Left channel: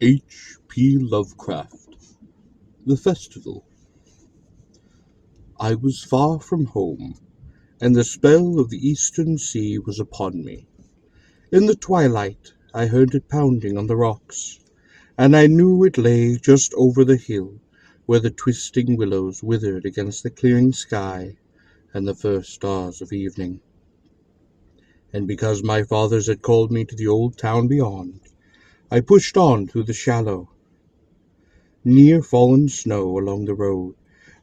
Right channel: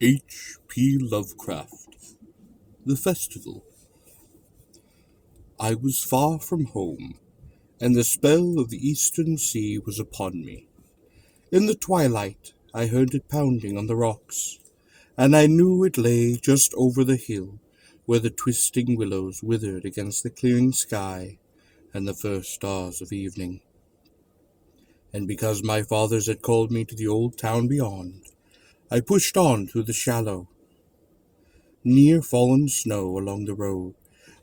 H.P. Lovecraft. The Festival. I was far from home, and the spell of the eastern sea was upon me. In the twilight I heard it pounding on the rocks, and I knew it lay just over the hill where the twisting willows withered against the clearing sky and the first stars of evening. And because my fathers had called me to the old town beyond, I pushed on through the shallow, near fallen snow along the road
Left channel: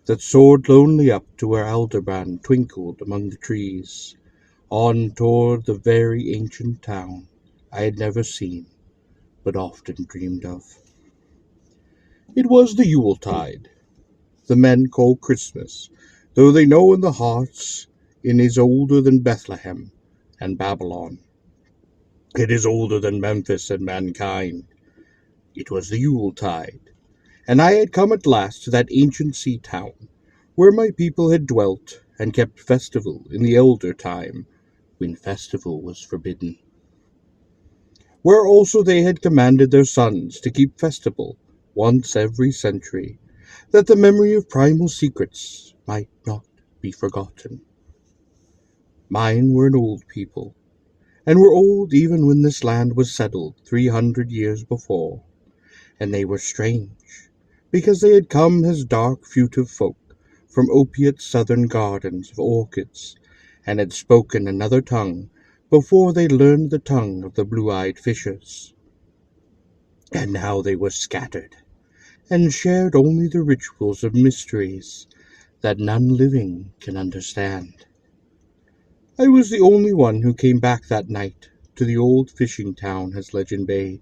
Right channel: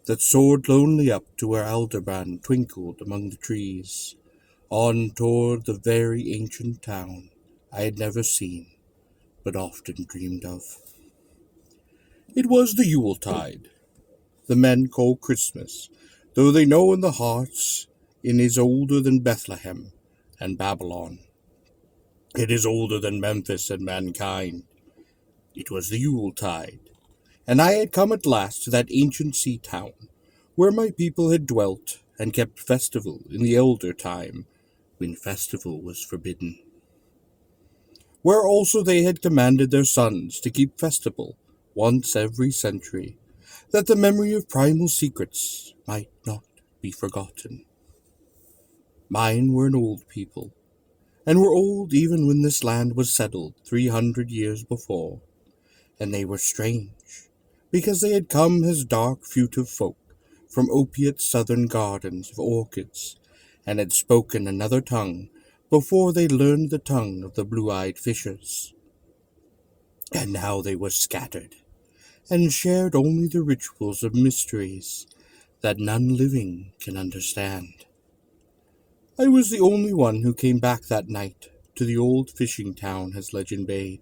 that soared lonely up to where Aldebaran twinkled among the trees, on toward the very ancient town I had never seen, but often dreamed of. It was the Yuletide, the men call Christmas, though they know in their hearts it is older than Bethlehem and Babylon. It is older than Memphis and mankind. It was the Yuletide, and I had come at last to that ancient sea town, where my people had dwelt and kept festival in the elder time, when festival was forbidden. Where also they had commanded their sons to keep festival once every century, that the memory of primal secrets might not be forgotten. Mine were an old people, and were old even when this land was settled 300 years before, and they were strange, because they had come as dark fugitive folk from opiate southern gardens of orchids, and had spoken another tongue before they learned the tongue of the blue-eyed fishers. And now they were scattered, and shared only the rituals of mysteries that none living can understand. I was the only one who came back that night to the old fishing town as legend bade,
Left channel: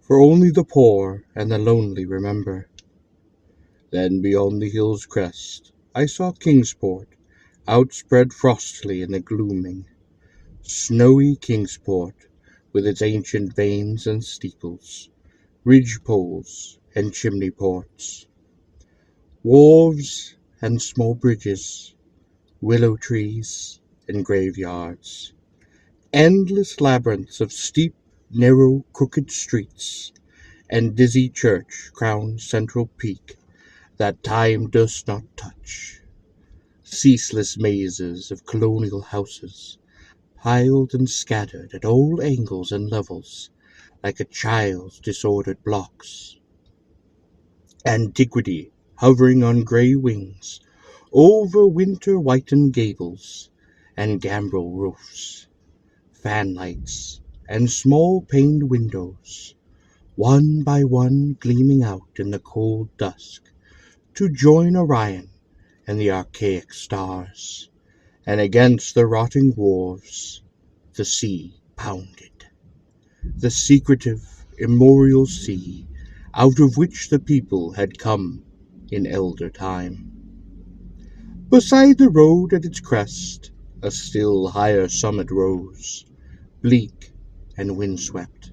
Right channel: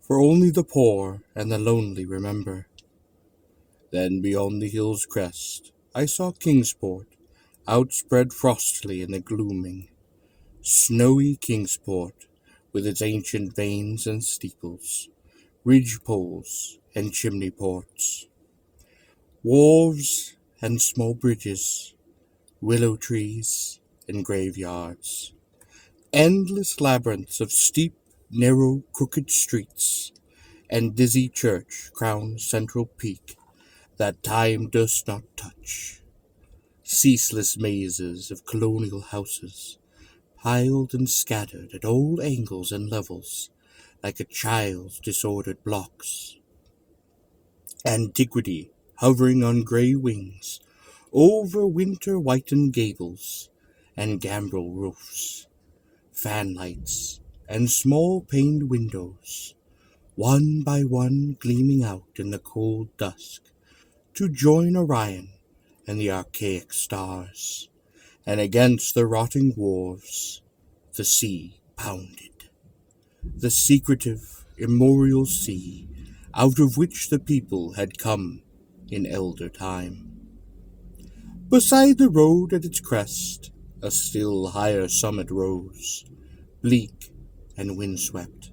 for only the poor and the lonely remember. Then beyond the hill's crest I saw Kingsport, outspread frostily in the gloaming, snowy Kingsport, with its ancient vanes and steeples, ridge-poles and chimney-ports, wharves and small bridges, willow trees and graveyards, endless labyrinths of steep, narrow, crooked streets, and dizzy church-crowned central peak that time durst not touch, ceaseless mazes of colonial houses, piled and scattered at all angles and levels, like a child's disordered blocks. Antiquity hovering on grey wings over winter-whitened gables and gambrel roofs, fanlights and small-paned windows, one by one gleaming out in the cold dusk to join Orion and the archaic stars, and against the rotting wharves the sea pounded, the secretive, immemorial sea out of which the people had come in elder time. Beside the road at its crest a still higher summit rose, bleak and windswept,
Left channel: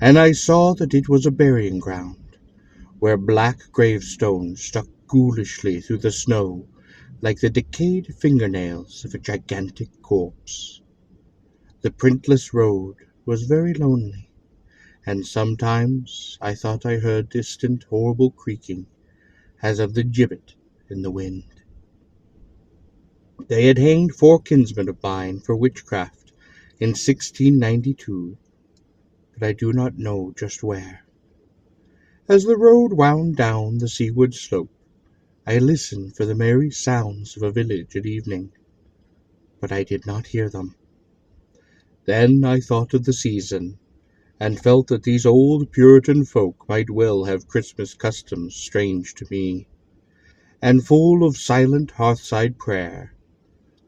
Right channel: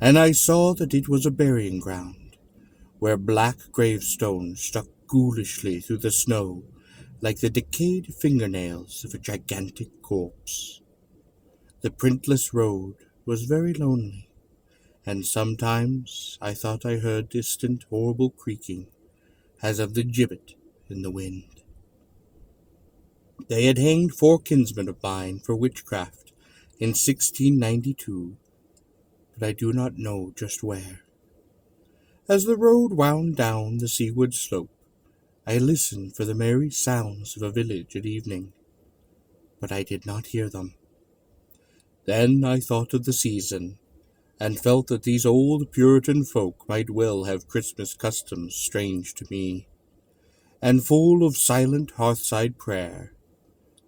and I saw that it was a burying ground, where black gravestones stuck ghoulishly through the snow like the decayed fingernails of a gigantic corpse. The printless road was very lonely, and sometimes I thought I heard distant horrible creaking, as of the gibbet in the wind. They had hanged 4 kinsmen of mine for witchcraft in 1692, but I do not know just where. As the road wound down the seaward slope, I listened for the merry sounds of a village at evening, but I did not hear them. Then I thought of the season, and felt that these old Puritan folk might well have Christmas customs strange to me, and full of silent hearthside prayer.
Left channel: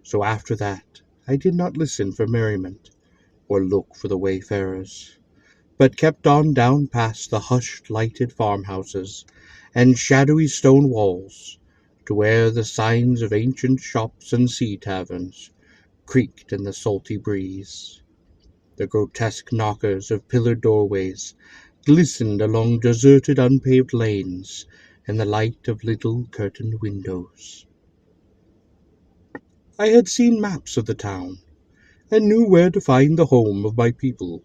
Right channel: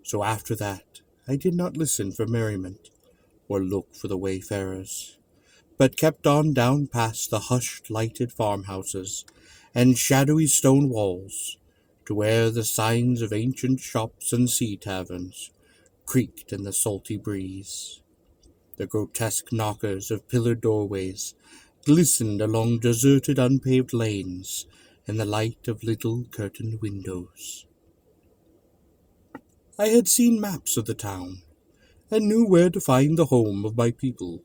So after that I did not listen for merriment, or look for the wayfarers, but kept on down past the hushed lighted farmhouses and shadowy stone walls, to where the signs of ancient shops and sea taverns creaked in the salty breeze. The grotesque knockers of pillared doorways glistened along deserted unpaved lanes in the light of little curtained windows. I had seen maps of the town, and knew where to find the home of my people.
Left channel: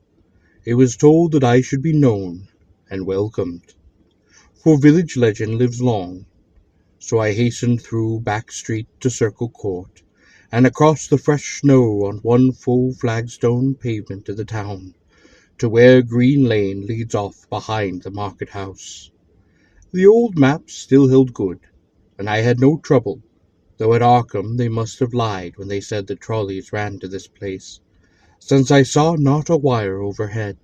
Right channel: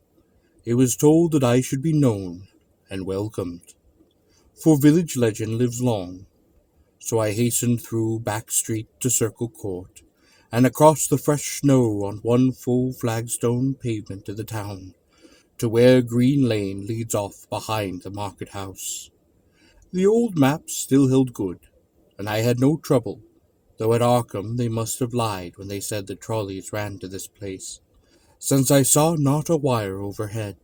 It was told that I should be known, and welcomed. For village legend lives long, so I hastened through back street to Circle Court, and across the fresh snow on one full flagstone pavement to the town, to where Green Lane leads off behind the market house. The old maps still held good, and I had no trouble, though at Arkham they must have lied when they said the trolleys ran to this place, since I saw not a wire overhead.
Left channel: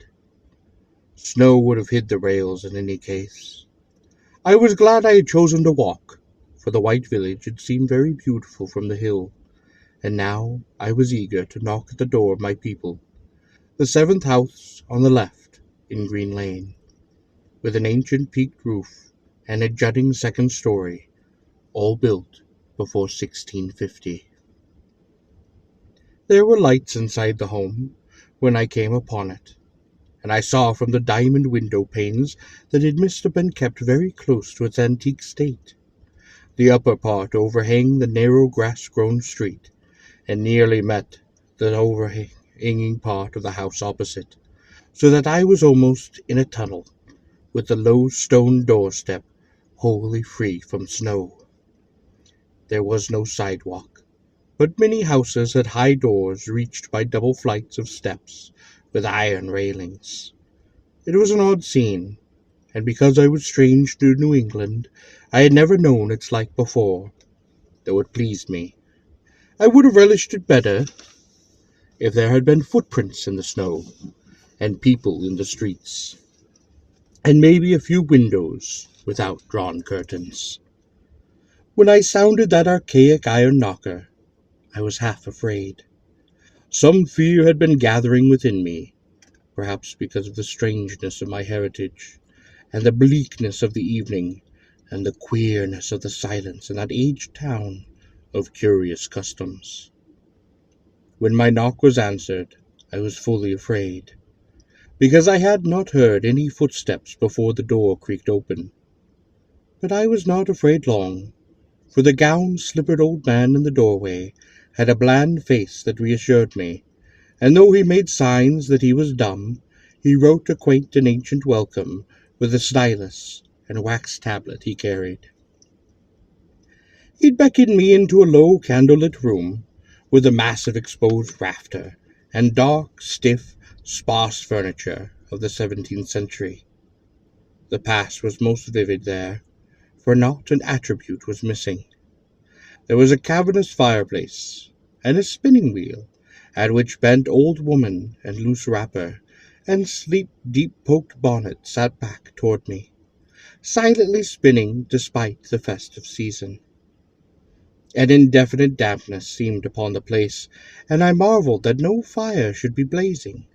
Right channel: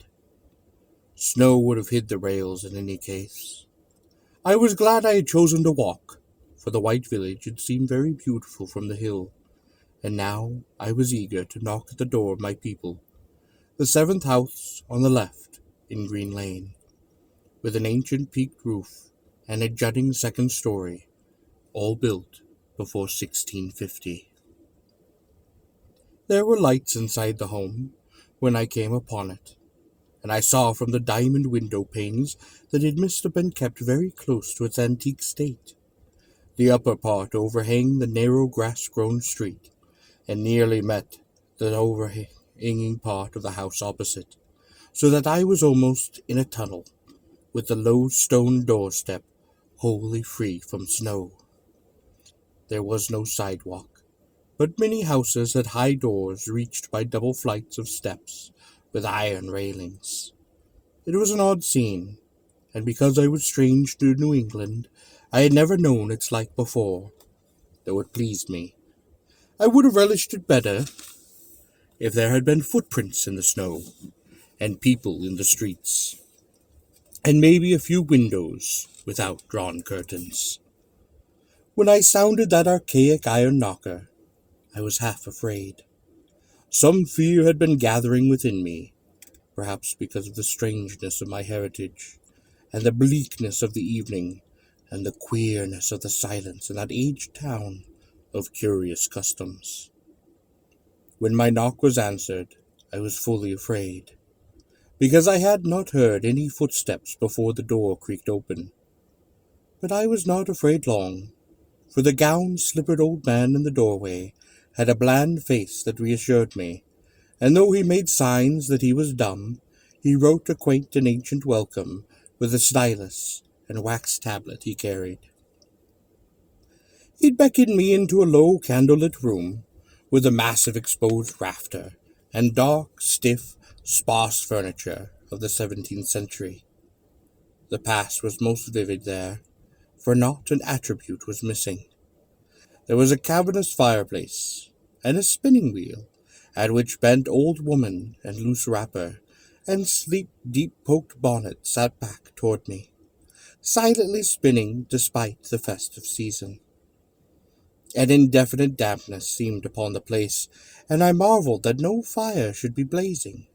Snow would have hid the rails in any case. I was glad I had chosen to walk, for the white village had seemed very beautiful from the hill, and now I was eager to knock at the door of my people, the seventh house on the left in Green Lane, with an ancient peaked roof and a jutting second story, all built before 1650. There were lights inside the home when I came upon it, and I saw from the diamond window panes that it must have been kept very close to its antique state. The upper part overhang the narrow grass-grown street, and nearly met the overhanging part of the house opposite, so that I was almost in a tunnel, with the low stone doorstep wholly free from snow. There was no sidewalk, but many houses had high doors reached by double flights of steps with iron railings. It was an odd scene, and because I was strange to New England, I had never known its like before, though it pleased me. I would have relished it better if there had been footprints in the snow, and people in the streets, and maybe a few windows without drawn curtains. When I sounded that archaic iron knocker, I was half afraid. Some fear had been gathering within me, perhaps because of the strangeness of my heritage, and the bleakness of the evening, and the queerness of the silence in that aged town of curious customs. When my knock was answered, I was fully afraid, because I had not heard any footsteps before the door creaked open. But I was not afraid long, for the gown-slippered old man in the doorway had a bland face that reassured me, and though he made signs that he was dumb, he wrote a quaint and ancient welcome with a stylus and wax tablet he carried. He'd beckoned me into a low candlelit room with a massive exposed rafter and dark, stiff, sparse furniture of the 17th century. The past was most vivid there, for not an attribute was missing. There was a cavernous fireplace, and a spinning wheel, at which bent old woman and loose wrapper, and sleep deep-poked bonnet sat back toward me, silently spinning despite the festive season. An indefinite dampness seemed upon the place, and I marveled that no fire should be blazing.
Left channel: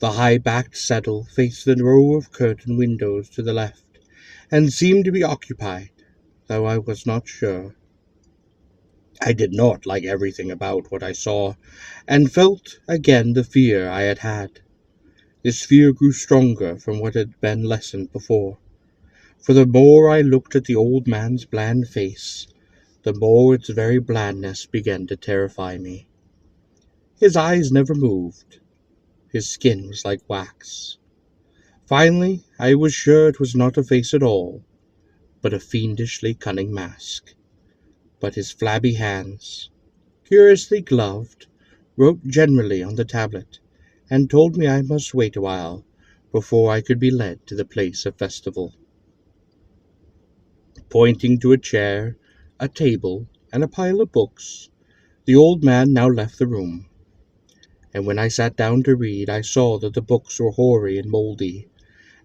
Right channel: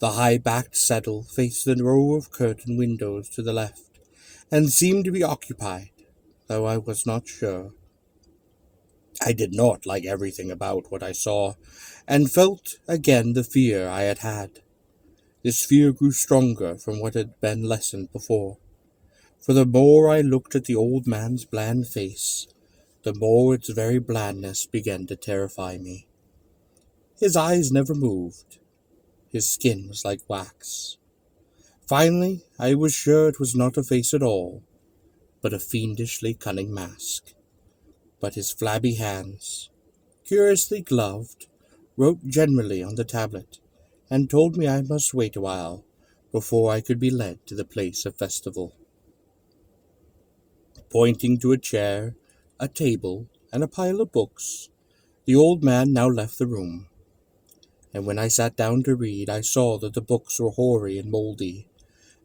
The high-backed settle faced the row of curtained windows to the left, and seemed to be occupied, though I was not sure. I did not like everything about what I saw, and felt again the fear I had had. This fear grew stronger from what had been lessened before, for the more I looked at the old man's bland face, the more its very blandness began to terrify me. His eyes never moved. His skin was like wax. Finally, I was sure it was not a face at all, but a fiendishly cunning mask. But his flabby hands, curiously gloved, wrote generally on the tablet, and told me I must wait a while before I could be led to the place of festival. Pointing to a chair, a table, and a pile of books, the old man now left the room, and when I sat down to read, I saw that the books were hoary and mouldy,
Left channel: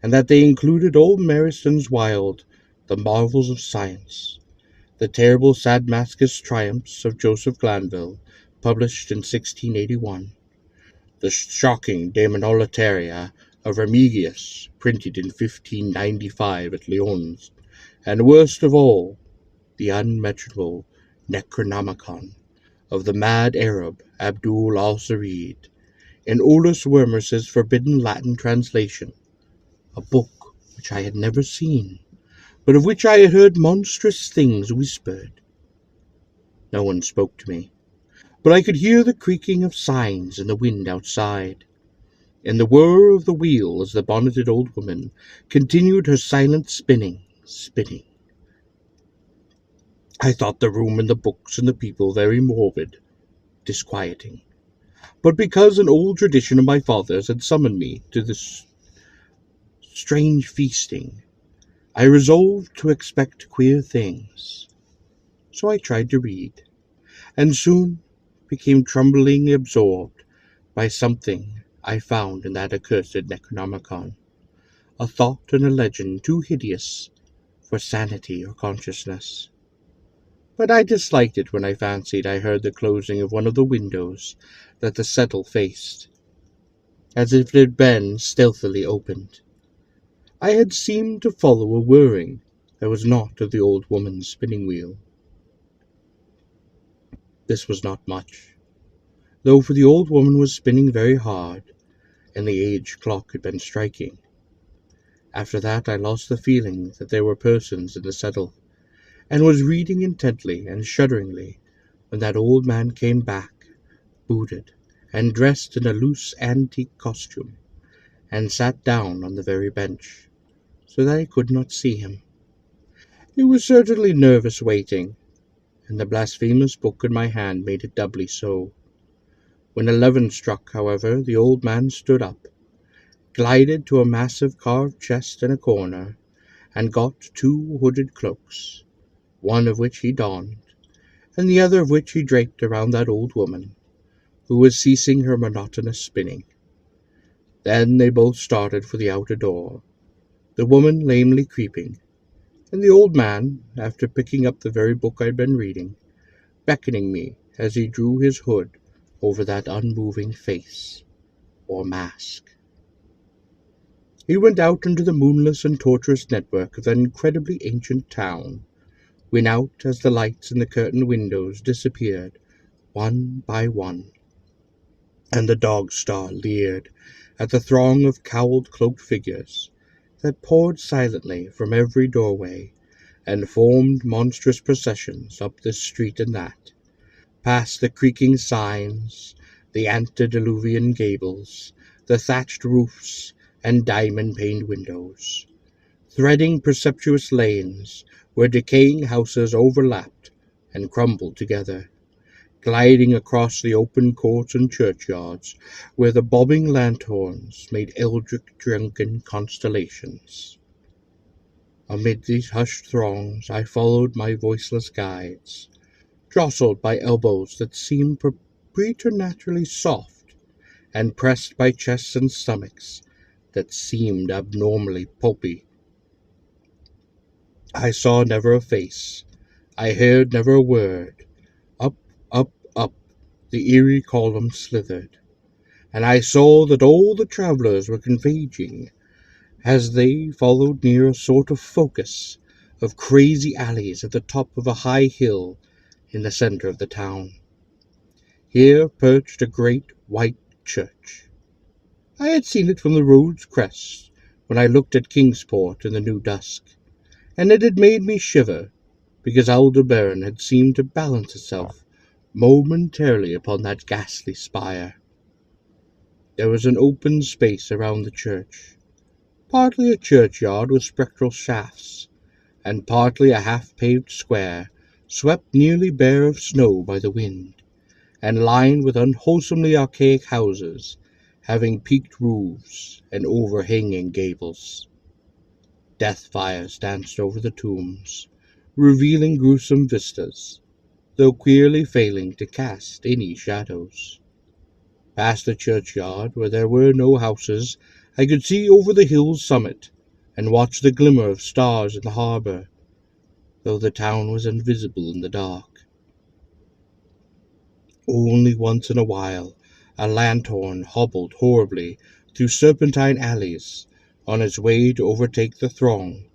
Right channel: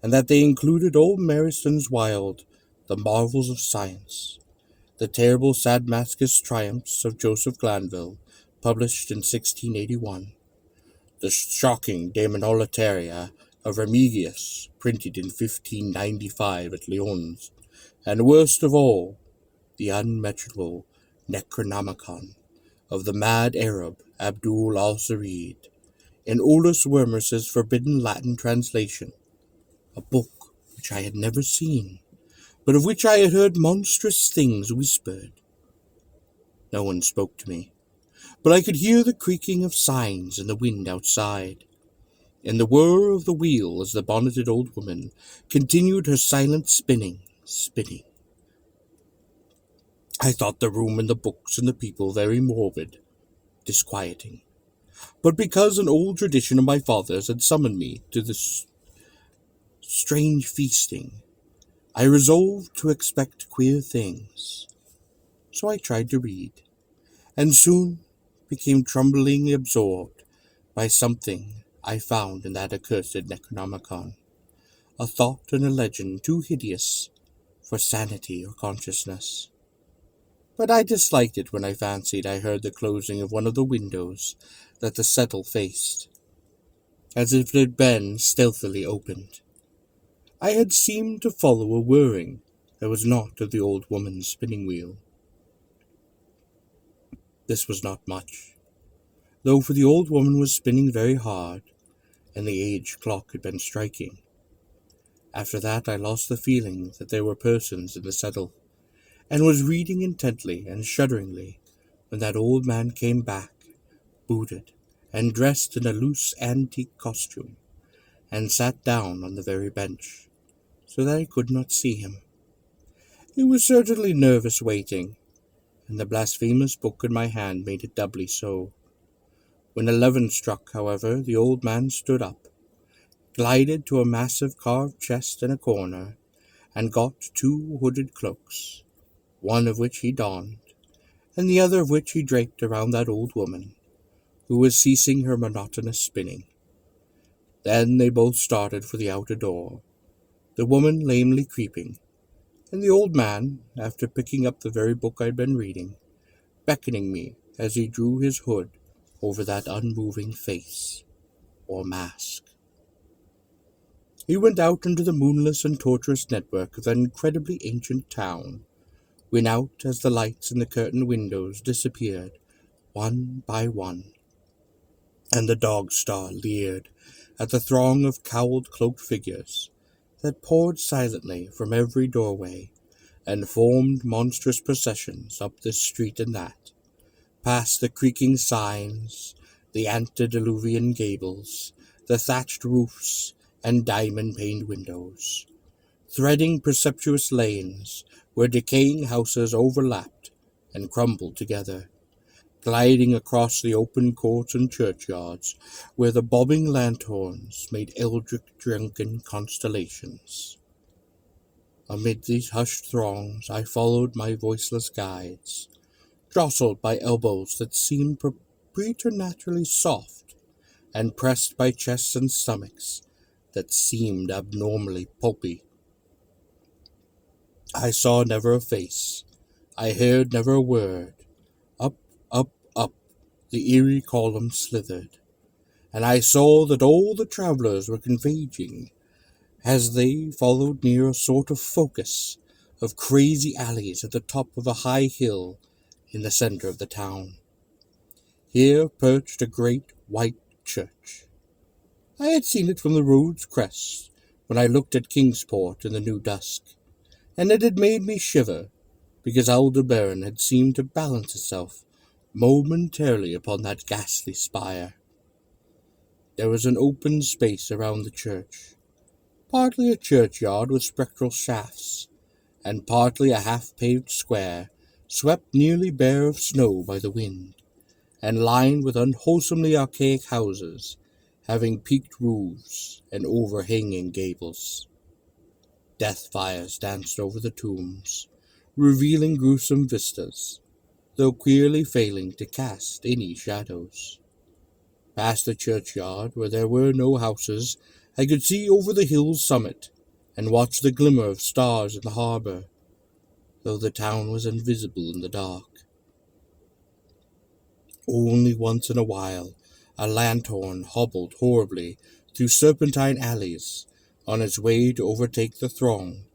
and that they included old Mariston's Wild, The Marvels of Science, the terrible Sadmascus Triumphs of Joseph Glanville, published in 1681, the shocking Daemonolitaria of Remigius, printed in 1595 at Lyons, and worst of all, the unmentionable Necronomicon of the mad Arab Abdul al-Sarid, in Olaus Wermus's forbidden Latin translation, a book which I had never seen, but of which I had heard monstrous things whispered. No one spoke to me, but I could hear the creaking of signs in the wind outside, in the whir of the wheel as the bonneted old woman continued her silent spinning. I thought the room and the books and the people very morbid, disquieting. But because an old tradition of my father's had summoned me to this strange feasting, I resolved to expect queer things. So I tried to read, and soon became tremblingly absorbed by something I found in that accursed Necronomicon, a thought and a legend too hideous for sanity or consciousness. But I disliked it when I fancied I heard the closing of one of the windows that the settle faced, as if it had been stealthily opened. I had seemed to follow a whirring that was not of the old woman's spinning wheel. This was not much, though, for the old woman was spinning very hard, and the age clock had been striking. After that I lost the feeling that there were persons in the settle, and was reading intently and shudderingly when that old man came back, booted, and dressed in a loose antique costume, and sat down on the very bench, so that I could not see him. It was certainly nervous waiting, and the blasphemous book in my hand made it doubly so. When 11 struck, however, the old man stood up, glided to a massive carved chest in a corner, and got 2 hooded cloaks, one of which he donned, and the other of which he draped around that old woman, who was ceasing her monotonous spinning. Then they both started for the outer door, the woman lamely creeping, and the old man, after picking up the very book I had been reading, beckoning me as he drew his hood over that unmoving face, or mask. He went out into the moonless and tortuous network of that incredibly ancient town, went out as the lights in the curtained windows disappeared, one by one, and the dog-star leered at the throng of cowled, cloaked figures that poured silently from every doorway and formed monstrous processions up this street and that, past the creaking signs, the antediluvian gables, the thatched roofs, and diamond-paned windows, threading precipitous lanes where decaying houses overlapped and crumbled together, gliding across the open courts and churchyards where the bobbing lanthorns made eldritch drunken constellations. Amid these hushed throngs I followed my voiceless guides, jostled by elbows that seemed preternaturally soft, and pressed by chests and stomachs that seemed abnormally pulpy. I saw never a face, I heard never a word. Up, up, the eerie column slithered, and I saw that all the travellers were converging as they followed near a sort of focus of crazy alleys at the top of a high hill in the center of the town. Here perched a great white church. I had seen it from the road's crest when I looked at Kingsport in the new dusk, and it had made me shiver because Aldebaran had seemed to balance itself momentarily upon that ghastly spire. There was an open space around the church, partly a churchyard with spectral shafts, and partly a half-paved square swept nearly bare of snow by the wind, and lined with unwholesomely archaic houses, having peaked roofs and overhanging gables. Death fires danced over the tombs, revealing gruesome vistas, though queerly failing to cast any shadows. Past the churchyard, where there were no houses, I could see over the hill's summit, and watch the glimmer of stars in the harbour, though the town was invisible in the dark. Only once in a while a lanthorn hobbled horribly through serpentine alleys on its way to overtake the throng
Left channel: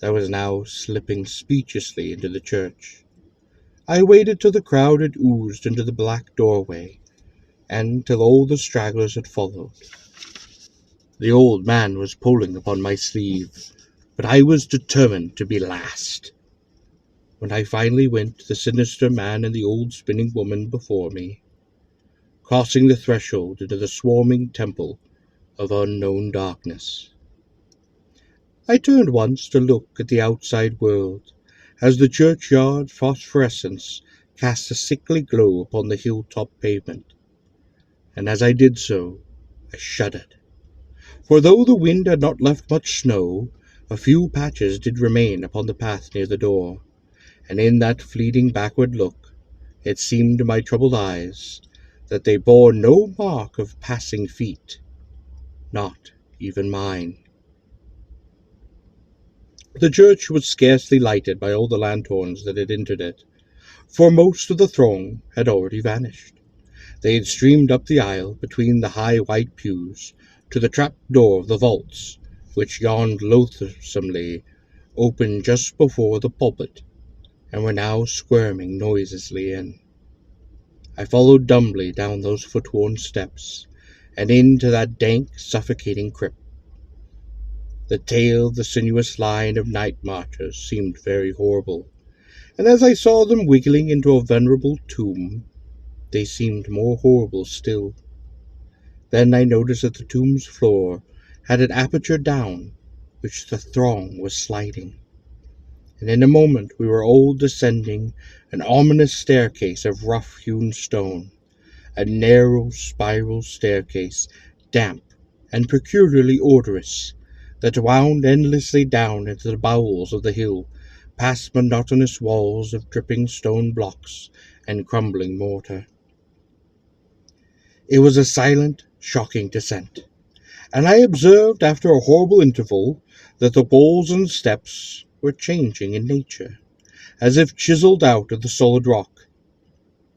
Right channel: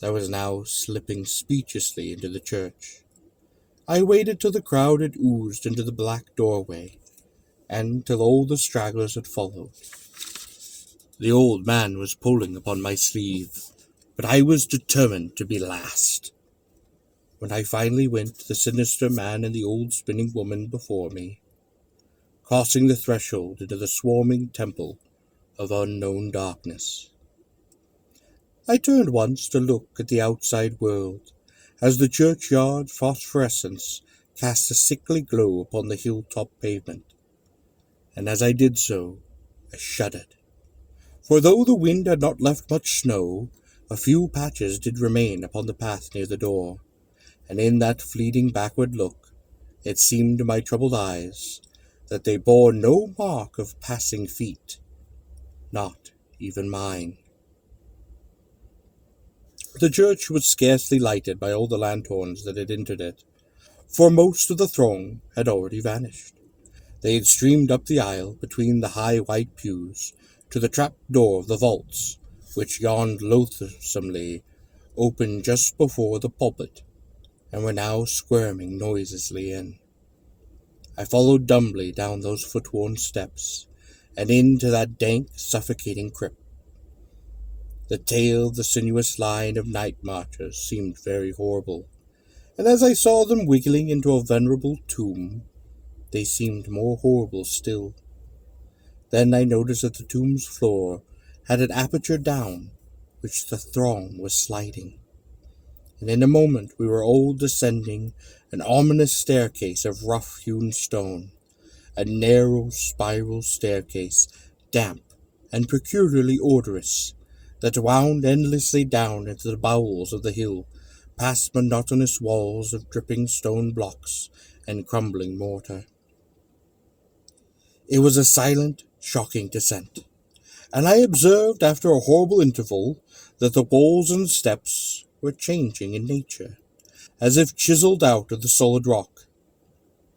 that was now slipping speechlessly into the church. I waited till the crowd had oozed into the black doorway, and till all the stragglers had followed. The old man was pulling upon my sleeve, but I was determined to be last. When I finally went, the sinister man and the old spinning woman before me, crossing the threshold into the swarming temple of unknown darkness. I turned once to look at the outside world, as the churchyard phosphorescence cast a sickly glow upon the hilltop pavement, and as I did so, I shuddered. For though the wind had not left much snow, a few patches did remain upon the path near the door, and in that fleeting backward look, it seemed to my troubled eyes that they bore no mark of passing feet, not even mine. The church was scarcely lighted by all the lanthorns that had entered it, for most of the throng had already vanished. They had streamed up the aisle between the high white pews to the trap door of the vaults, which yawned loathsomely open just before the pulpit, and were now squirming noiselessly in. I followed dumbly down those foot-worn steps, and into that dank, suffocating crypt. The tail of the sinuous line of night marchers seemed very horrible, and as I saw them wiggling into a venerable tomb, they seemed more horrible still. Then I noticed that the tomb's floor had an aperture down, which the throng was sliding, and in a moment we were all descending an ominous staircase of rough-hewn stone, a narrow spiral staircase, damp and peculiarly odorous, that wound endlessly down into the bowels of the hill, past monotonous walls of dripping stone blocks and crumbling mortar. It was a silent, shocking descent, and I observed after a horrible interval that the walls and steps were changing in nature, as if chiseled out of the solid rock.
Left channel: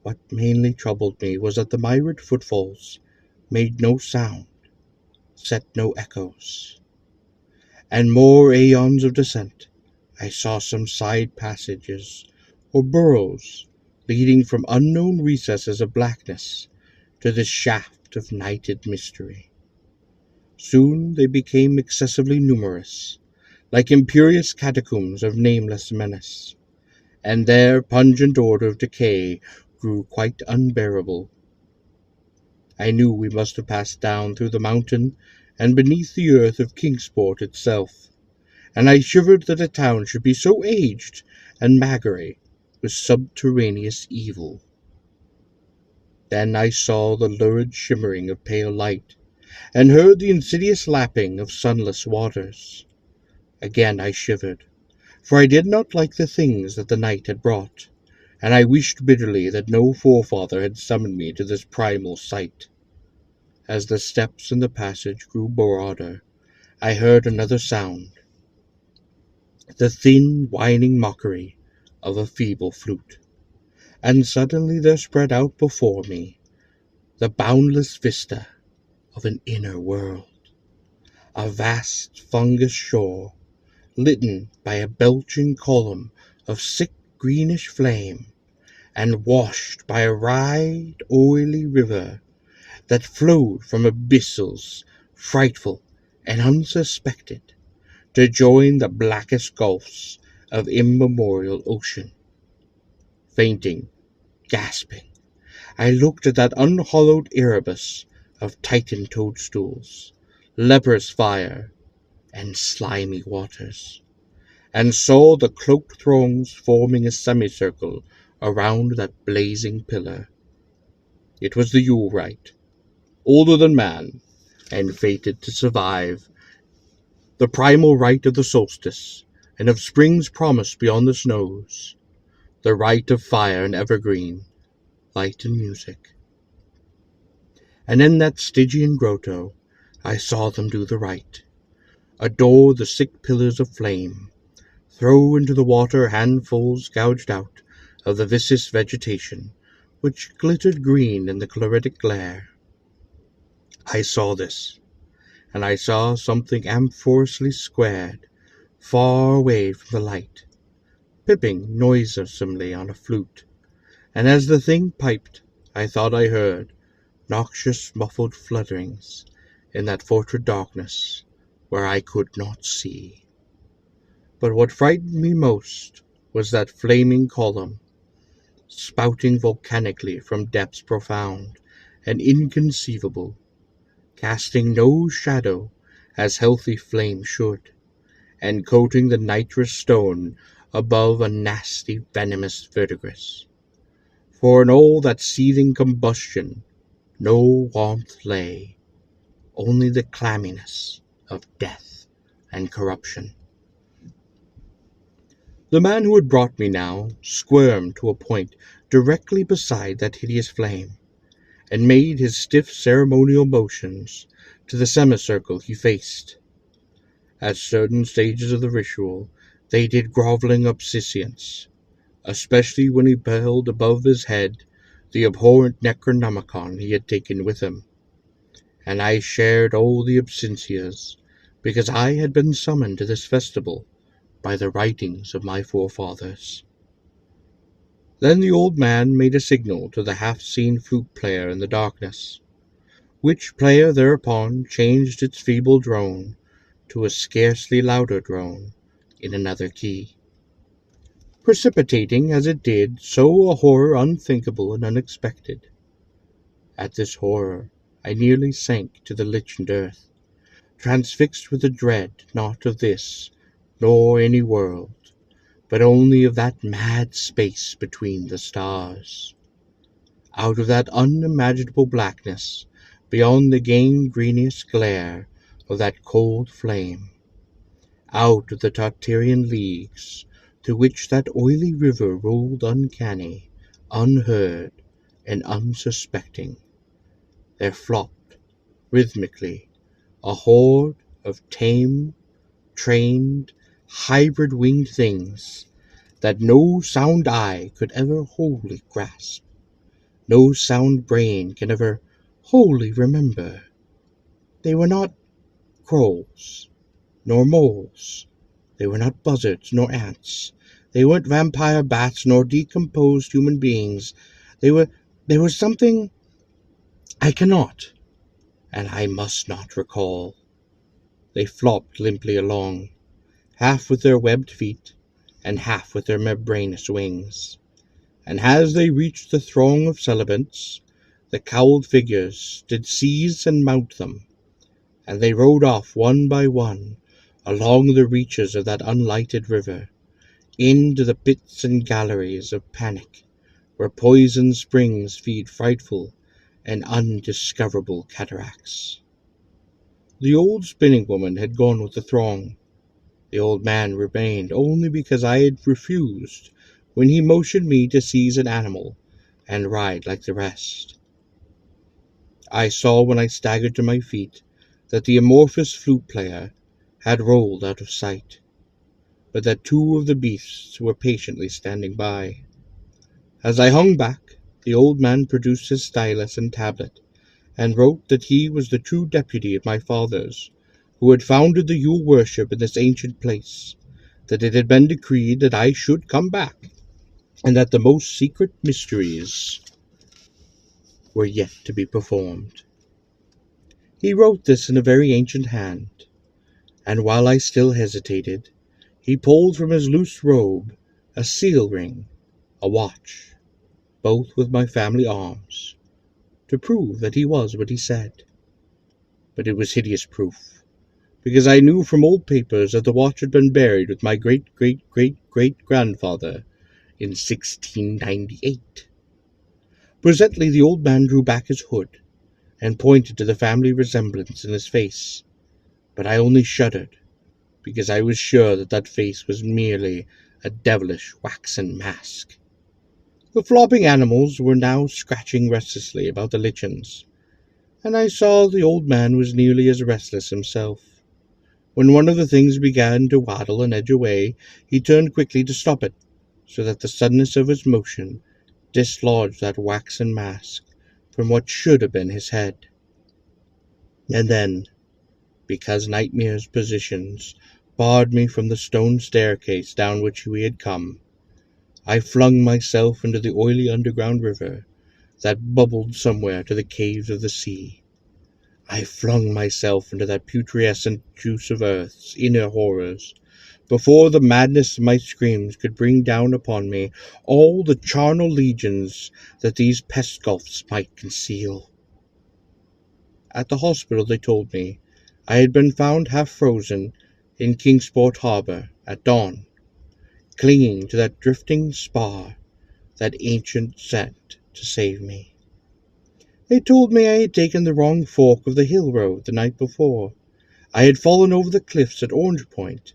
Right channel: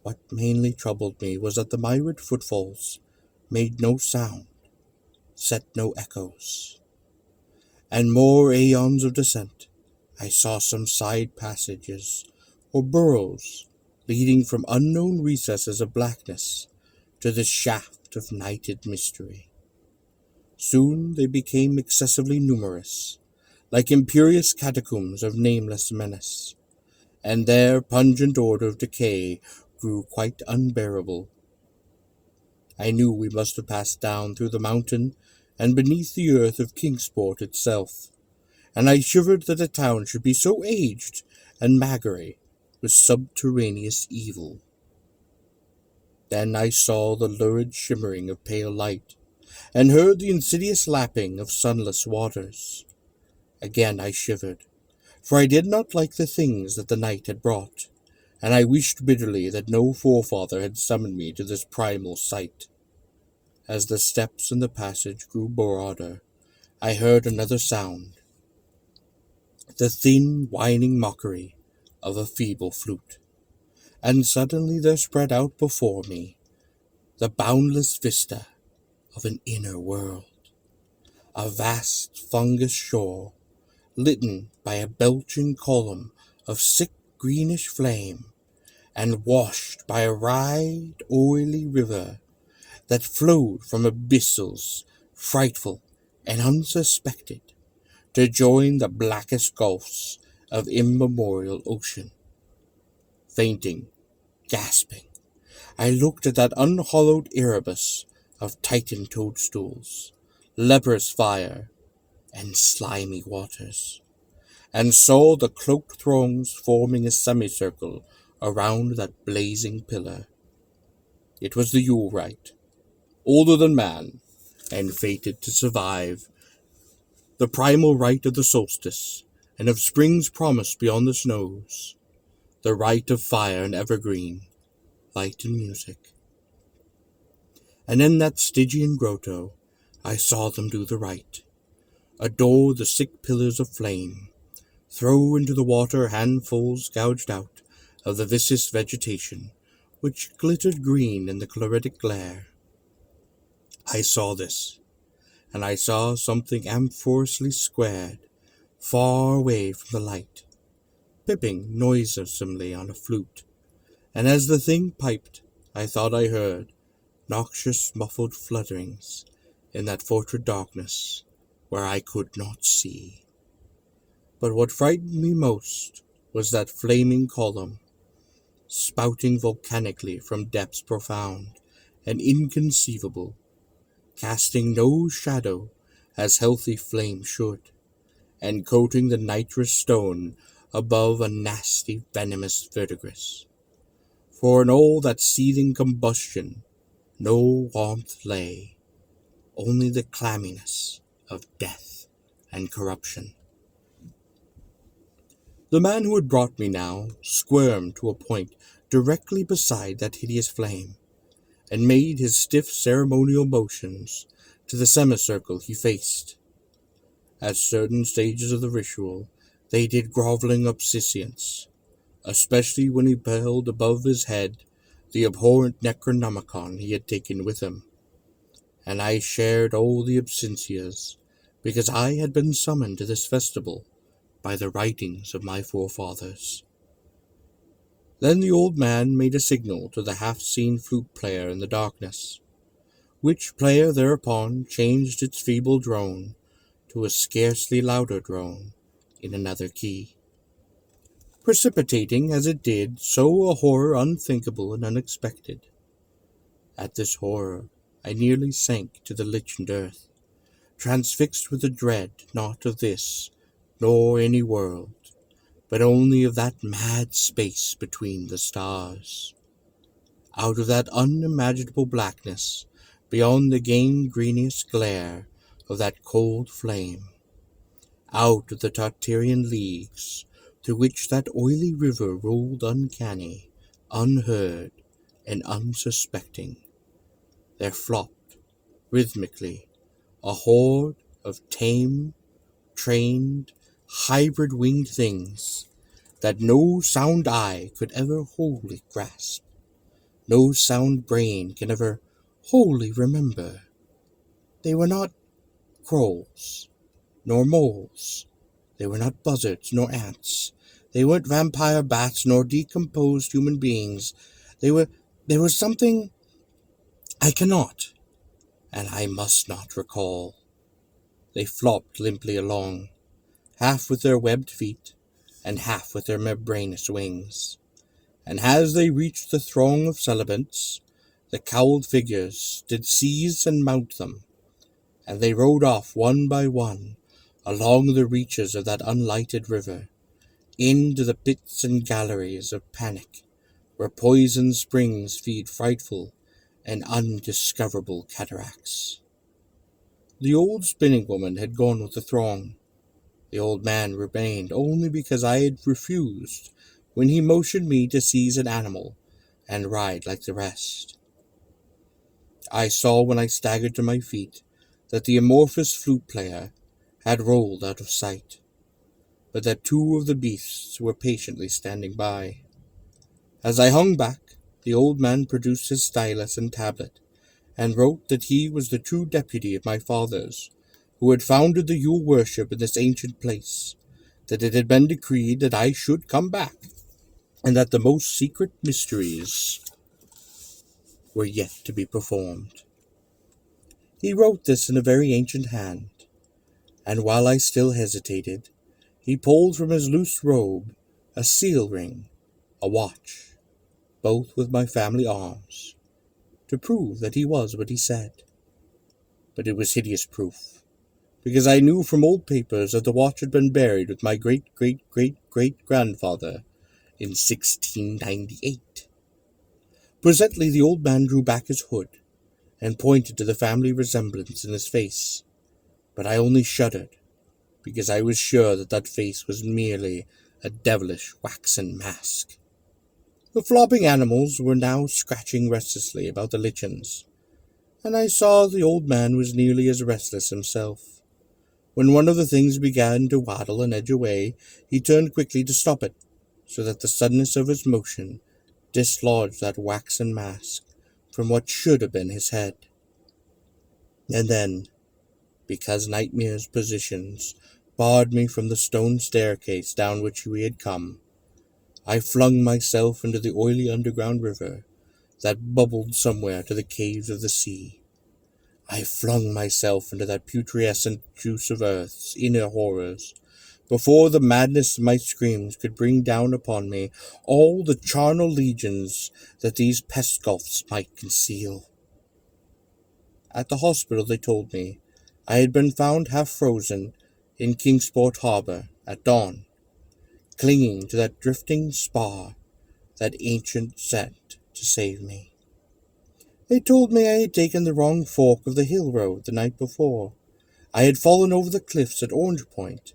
What mainly troubled me was that the myriad footfalls made no sound, set no echoes. And more aeons of descent, I saw some side passages or burrows leading from unknown recesses of blackness to this shaft of nighted mystery. Soon they became excessively numerous, like imperious catacombs of nameless menace, and their pungent odor of decay grew quite unbearable. I knew we must have passed down through the mountain and beneath the earth of Kingsport itself, and I shivered that a town should be so aged and magory with subterraneous evil. Then I saw the lurid shimmering of pale light, and heard the insidious lapping of sunless waters. Again I shivered, for I did not like the things that the night had brought, and I wished bitterly that no forefather had summoned me to this primal sight. As the steps in the passage grew broader, I heard another sound, the thin, whining mockery of a feeble flute, and suddenly there spread out before me the boundless vista of an inner world, a vast fungus shore, litten by a belching column of sick greenish flame, and washed by a wide, oily river that flowed from abyssals frightful and unsuspected to join the blackest gulfs of immemorial ocean. Fainting, gasping, I looked at that unhallowed Erebus of Titan toadstools, leprous fire, and slimy waters, and saw the cloaked throngs forming a semicircle around that blazing pillar. It was the Yule rite, older than man, and fated to survive, the primal rite of the solstice, and of spring's promise beyond the snows, the rite of fire and evergreen, light and music. And in that Stygian grotto I saw them do the rite, adore the sick pillars of flame, throw into the water handfuls gouged out of the viscous vegetation, which glittered green in the chloritic glare. I saw this, and I saw something amphorously squared, far away from the light, piping noiselessly on a flute, and as the thing piped, I thought I heard noxious muffled flutterings in that fortress darkness where I could not see. But what frightened me most was that flaming column, spouting volcanically from depths profound and inconceivable, casting no shadow as healthy flame should, and coating the nitrous stone above a nasty venomous verdigris. For in all that seething combustion no warmth lay, only the clamminess of death and corruption. The man who had brought me now squirmed to a point directly beside that hideous flame, and made his stiff ceremonial motions to the semicircle he faced. At certain stages of the ritual they did groveling obsequience, especially when he held above his head the abhorrent Necronomicon he had taken with him, and I shared all the obsequies, because I had been summoned to this festival by the writings of my forefathers. Then the old man made a signal to the half-seen flute player in the darkness, which player thereupon changed its feeble drone to a scarcely louder drone in another key, precipitating as it did so a horror unthinkable and unexpected. At this horror I nearly sank to the lichened earth, transfixed with a dread not of this nor any world, but only of that mad space between the stars. Out of that unimaginable blackness, beyond the gangrenious glare of that cold flame, out of the Tartarian leagues through which that oily river rolled uncanny, unheard, and unsuspecting, there flopped, rhythmically, a horde of tame, trained, hybrid-winged things that no sound eye could ever wholly grasp, no sound brain can ever wholly remember. They were not crows, nor moles. They were not buzzards, nor ants. They weren't vampire bats, nor decomposed human beings. They were something I cannot, and I must not recall. They flopped limply along, half with their webbed feet, and half with their membranous wings. And as they reached the throng of celebrants, the cowled figures did seize and mount them, and they rode off one by one along the reaches of that unlighted river, into the pits and galleries of panic, where poisoned springs feed frightful and undiscoverable cataracts. The old spinning woman had gone with the throng. The old man remained only because I had refused when he motioned me to seize an animal and ride like the rest. I saw when I staggered to my feet that the amorphous flute player had rolled out of sight, but that two of the beasts were patiently standing by. As I hung back, the old man produced his stylus and tablet, and wrote that he was the true deputy of my fathers, who had founded the Yule worship in this ancient place, that it had been decreed that I should come back, and that the most secret mysteries were yet to be performed. He wrote this in a very ancient hand, and while I still hesitated, he pulled from his loose robe a seal ring, a watch, both with my family arms, to prove that he was what he said. But it was hideous proof, because I knew from old papers that the watch had been buried with my great-great-great-great-grandfather in 1698. Presently the old man drew back his hood, and pointed to the family resemblance in his face, but I only shuddered, because I was sure that that face was merely a devilish waxen mask. The flopping animals were now scratching restlessly about the lichens, and I saw the old man was nearly as restless himself. When one of the things began to waddle and edge away, he turned quickly to stop it, so that the suddenness of his motion dislodged that waxen mask from what should have been his head. And then, because nightmare's positions barred me from the stone staircase down which we had come, I flung myself into the oily underground river that bubbled somewhere to the caves of the sea. I flung myself into that putrescent juice of earth's inner horrors, before the madness of my screams could bring down upon me all the charnel legions that these pest gulfs might conceal. At the hospital, they told me I had been found half frozen in Kingsport harbor at dawn, clinging to that drifting spar that ancient sent to save me. They told me I had taken the wrong fork of the hill road the night before. I had fallen over the cliffs at Orange Point,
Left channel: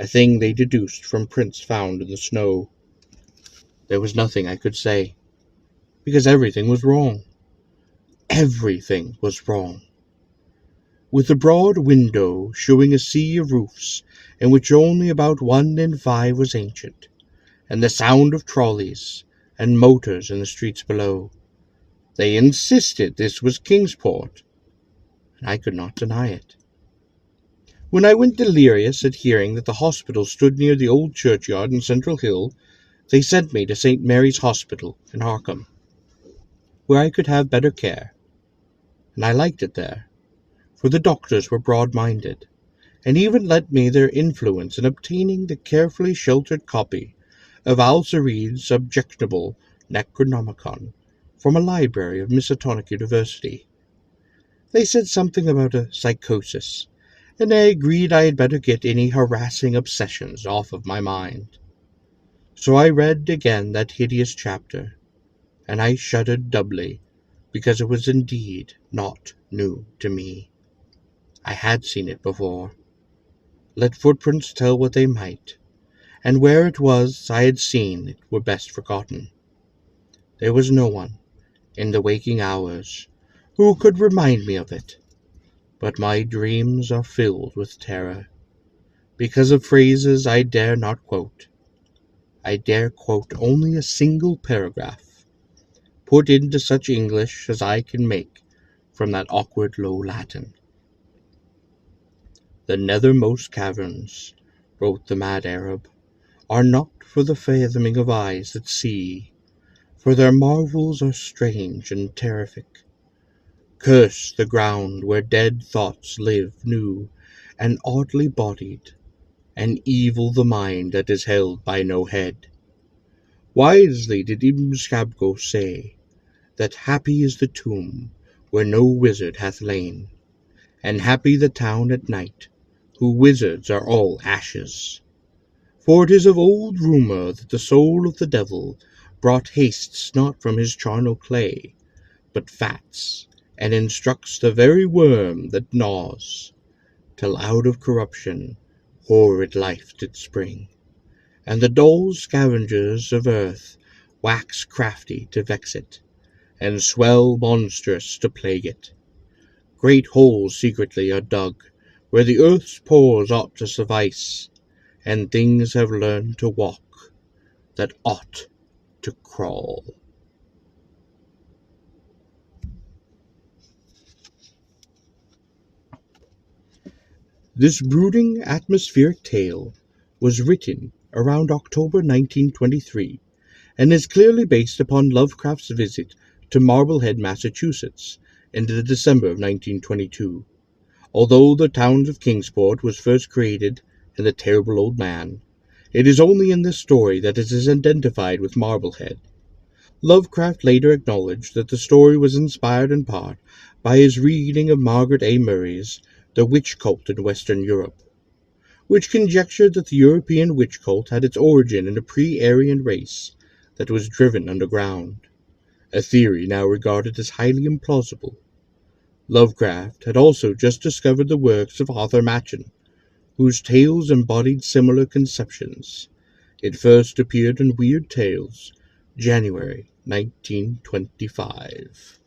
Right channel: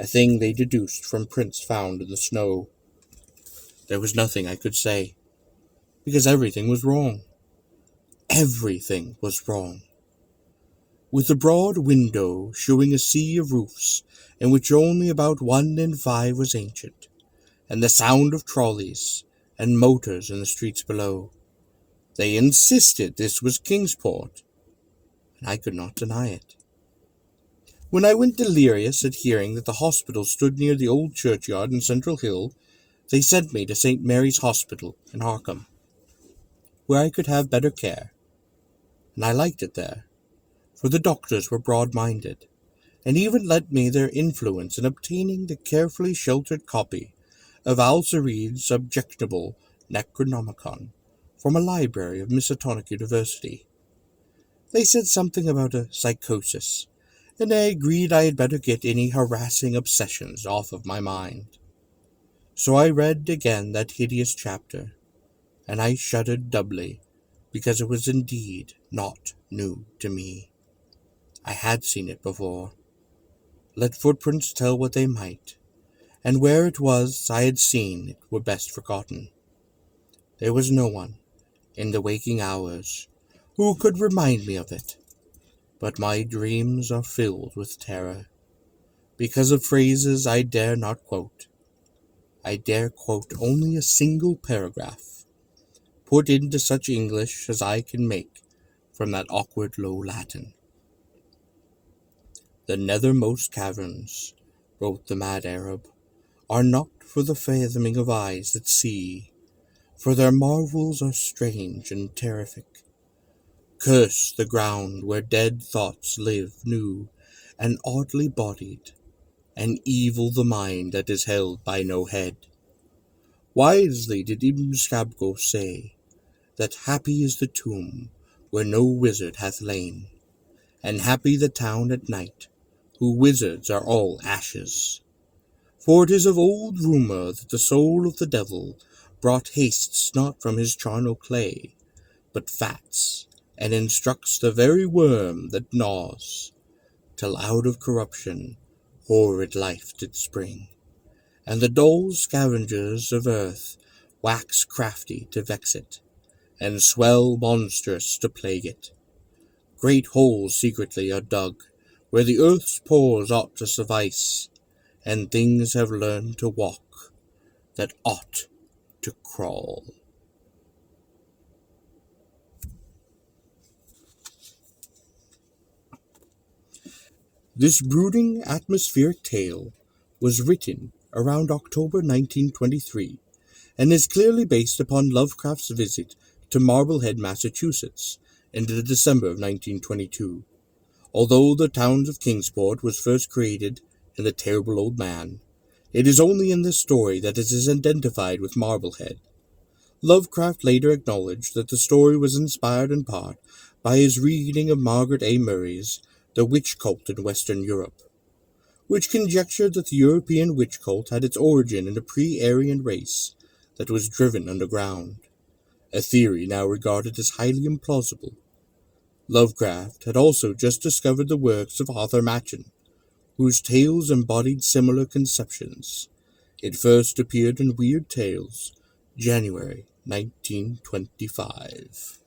a thing they deduced from prints found in the snow. There was nothing I could say, because everything was wrong. Everything was wrong. With the broad window showing a sea of roofs in which only about 1 in 5 was ancient, and the sound of trolleys and motors in the streets below, they insisted this was Kingsport, and I could not deny it. When I went delirious at hearing that the hospital stood near the old churchyard in Central Hill, they sent me to St. Mary's Hospital in Harkham, where I could have better care, and I liked it there, for the doctors were broad-minded, and even lent me their influence in obtaining the carefully sheltered copy of Al-Sareed's objectionable Necronomicon from a library of Miskatonic University. They said something about a psychosis, and I agreed I had better get any harassing obsessions off of my mind. So I read again that hideous chapter, and I shuddered doubly, because it was indeed not new to me. I had seen it before. Let footprints tell what they might, and where it was I had seen it were best forgotten. There was no one, in the waking hours, who could remind me of it, but my dreams are filled with terror, because of phrases I dare not quote. I dare quote only a single paragraph, put into such English as I can make from that awkward low Latin. The nethermost caverns, wrote the mad Arab, are not for the fathoming of eyes that see, for their marvels are strange and terrific. Curse the ground where dead thoughts live new and oddly bodied, and evil the mind that is held by no head. Wisely did Ibn Shabgo say, that happy is the tomb where no wizard hath lain, and happy the town at night, whose wizards are all ashes. For it is of old rumour that the soul of the devil brought hastes not from his charnel clay, but fats, and instructs the very worm that gnaws, till out of corruption horrid life did spring, and the dull scavengers of earth wax crafty to vex it, and swell monstrous to plague it. Great holes secretly are dug, where the earth's pores ought to suffice, and things have learned to walk that ought to crawl. This brooding atmospheric tale was written around October 1923 and is clearly based upon Lovecraft's visit to Marblehead, Massachusetts in the December of 1922. Although the town of Kingsport was first created in The Terrible Old Man, it is only in this story that it is identified with Marblehead. Lovecraft later acknowledged that the story was inspired in part by his reading of Margaret A. Murray's The Witch Cult in Western Europe, which conjectured that the European witch cult had its origin in a pre-Aryan race that was driven underground, a theory now regarded as highly implausible. Lovecraft had also just discovered the works of Arthur Machen, whose tales embodied similar conceptions. It first appeared in Weird Tales, January 1925.